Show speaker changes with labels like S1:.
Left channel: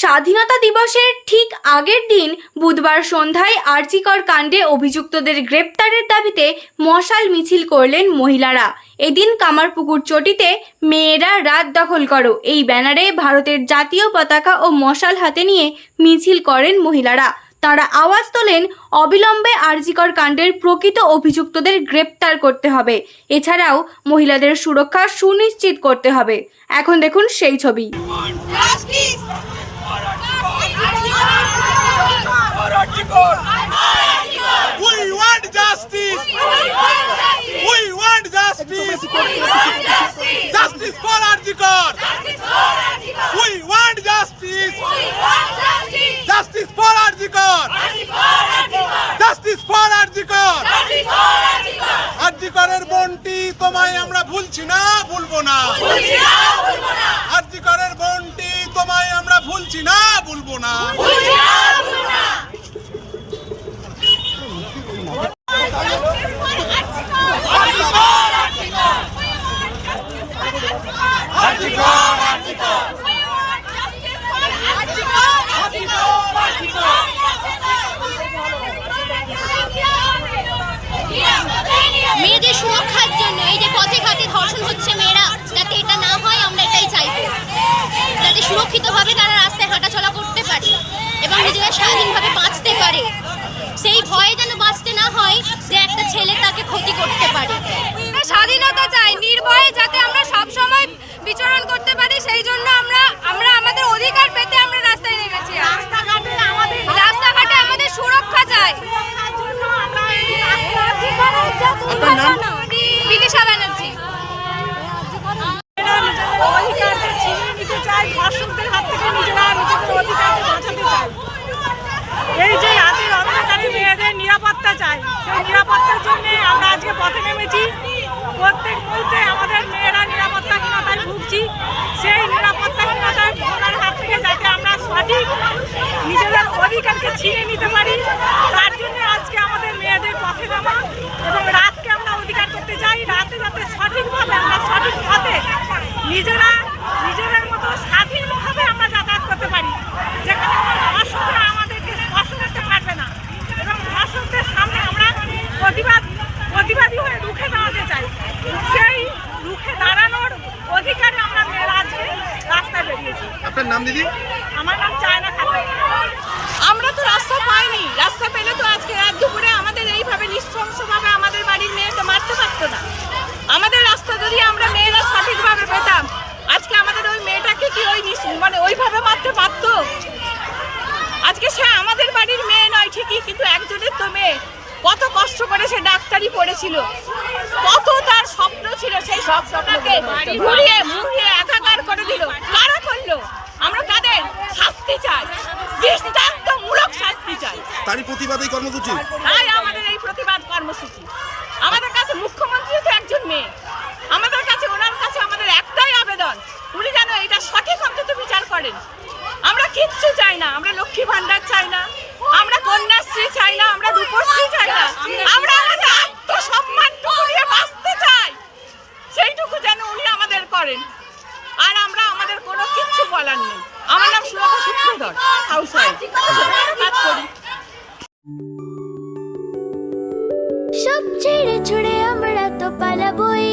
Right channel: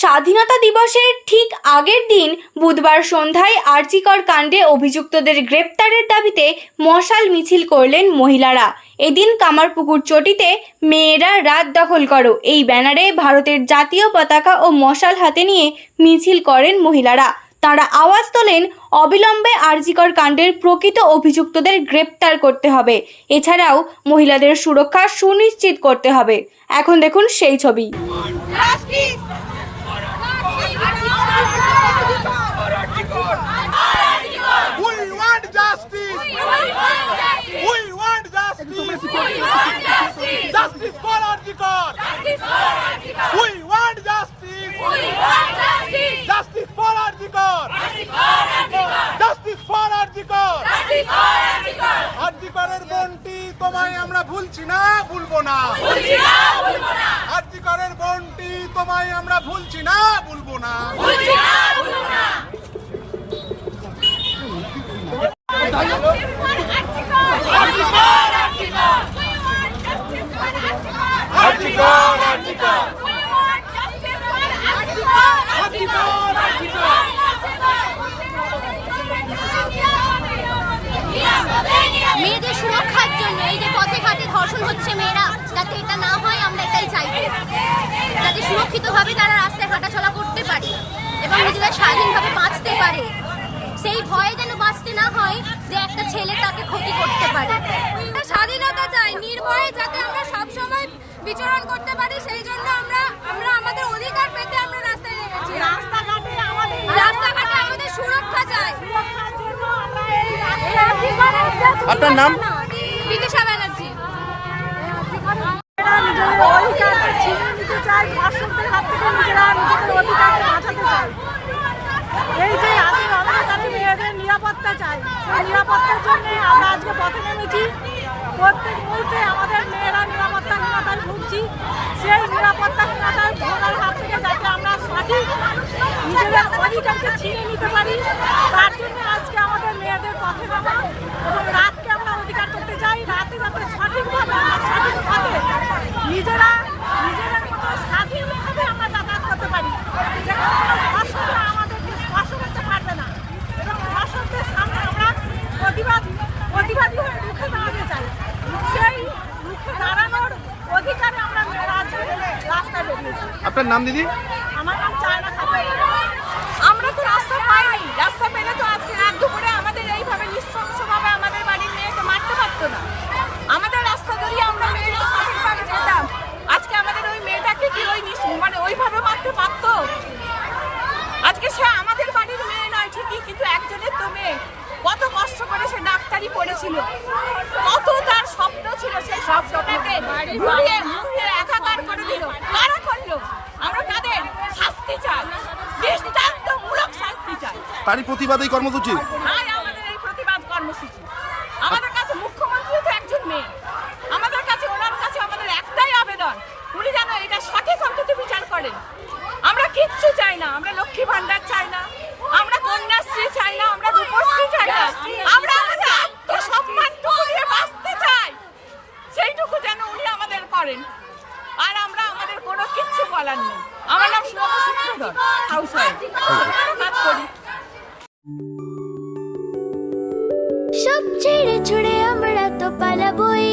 S1: স্বাধীনতা দিবসের ঠিক আগের দিন বুধবার সন্ধ্যায় আরজিকর কাণ্ডে অভিযুক্তদের গ্রেপ্তারের দাবিতে মশাল মিছিল করলেন মহিলারা। এদিন কামারপুকুর চটিতে মেয়েরা রাত দখল করো, এই ব্যানারে ভারতের জাতীয় পতাকা ও মশাল হাতে নিয়ে মিছিল করেন মহিলারা। তারা আওয়াজ তোলেন, অবিলম্বে আরজিকর কাণ্ডের প্রকৃত অভিযুক্তদের গ্রেপ্তার করতে হবে। এছাড়াও মহিলাদের সুরক্ষা সুনিশ্চিত করতে হবে। এখন দেখুন সেই ছবি
S2: Justice!
S3: We want justice. We want justice. Justice Justice for Arjikor. We want justice. We want Justice Justice for Arjikor. Justice for Arjikor. আরজিকরের বন্টি তোমায় আমরা ভুলছি না ভুলবো না আরজিকরের বন্টি তোমায় আমরা ভুলছি না ভুলবো না
S2: মেয়েদের সুরক্ষার জন্য এই যে পথে ঘাটে ধর্ষণ হচ্ছে মেয়েরা, যাতে এটা না হয়, আমরা এটাই চাইব। যাতে সুরক্ষিতভাবে তারা রাস্তায় হাঁটাচলা করতে পারে এবং নিজেরা স্বাধীনভাবে বাঁচতে পারে। সেই ভয়ে যেন বাঁচতে না হয় যে একটা ছেলে তাকে ক্ষতি করতে পারে
S4: স্বাধীনতা চাই নির্ভয়ে যাতে আমরা সব সময় বিচরণ করতে পারি সেই জন্য আমরা আমরা আমাদের অধিকার পেতে আমরা রাস্তায় নেমেছি রাস্তাঘাটে আমাদের সুরক্ষা চাই
S5: আপনার নাম?
S4: বিদিশা ব্যানার্জি।
S6: নিজেরা নিজেদের অধিকারকে ছিনিয়ে নিতে চায় ধর্ষকদের হাত থেকে নিজেরা নিজেদের অধিকারকে বাঁচাতে চায় এই যে রাতের অন্ধকারে মেয়েদের নিরাপত্তা চাই সেই নিরাপত্তার জন্য আমরা আজকে পথে নেমেছি। প্রত্যেক মুহূর্তে আমাদের মেয়েরা নিরাপত্তাহীনতায় ভুগছি। সেই নিরাপত্তাহীনতায় ভোগার হাত থেকে যাতে আমরা সঠিক নিজেদের অধিকারকে ছিনিয়ে নিতে পারি তার জন্য আজকে আমাদের মেয়েদের পথে নামা এবং রাতকে আমরা অধিকার করতে চাই রাতে যাতে সঠিকভাবে আমরা সঠিক পথে নিজেরা নিজেদের মতো স্বাধীনভাবে আমরা যাতায়াত করতে পারি যেখানে কোনো ধর্ষকরা আমাদেরকে স্পর্শ করতে পারবে না। এবং ধর্ষকদের সামনে আমরা প্রতিবাদ প্রতিবাদী হয়ে রুখে দাঁড়াতে চাই। সেই রুখে দাঁড়ানোর অধিকারে আমরা মেয়েরা আজকে রাস্তায় বেরিয়েছি।
S5: আপনার নাম দিদি?
S6: আমার নাম চায়না খাতুন।
S4: আমরা তো রাস্তা পাইনি রাস্তা পেলে তো আজকে রাত দুপুরে আমাদের এইভাবে নৃশংসভাবে আমাদের বাড়ির মেয়েকে মারতে পারতো না আমাদের রাস্তা যদি আমরা মেয়েরা সঠিকভাবে পেতাম আজকে আমাদের ওই মেয়েটাকে কি ওই নিশ- মানে ওইভাবে মারতে পারতো আজকে সে আমাদের বাড়ির মেয়ে নয় ঠিকই কিন্তু একজনের তো মেয়ে। কত কষ্ট করে সে ডাক্তারি পড়েছিল। কত তার স্বপ্ন ছিল সেই স্বপ্নটাকে ঘুরিয়ে মুড়িয়ে একাকার করে দিল। কারা করল? আমরা তাদের শাস্তি চাই। দৃষ্টান্তমূলক শাস্তি চাই।
S5: তারই প্রতিবাদী কর্মসূচি?
S4: তাই আমাদের এই প্রতিবাদ কর্মসূচি। আমাদের কাছে মুখ্যমন্ত্রী তো একজন মেয়ে। আমাদের কাছে ওনার কাছে আমাদের একটাই আবেদন। উনি যেন এটা সঠিক অন্তত বিচার করেন। কিচ্ছু চাই না। আমরা লক্ষ্মী ভান্ডার চাই না। আমরা কন্যাশ্রী চাই না। আমরা রূপশ্রী চাই না। আমরা আমাদের আত্মসম্মানটুকু নিয়ে বাঁচতে চাই। সেইটুকু যেন উনি আমাদের করেন। আর আমরা আমাদের কোনো কিচ্ছু বলার নেই। আমার নাম সুলভা সূত্রধর হাউস কাজ করি।
S2: সব ছেড়ে ছুড়ে আমরা তো পালাবই।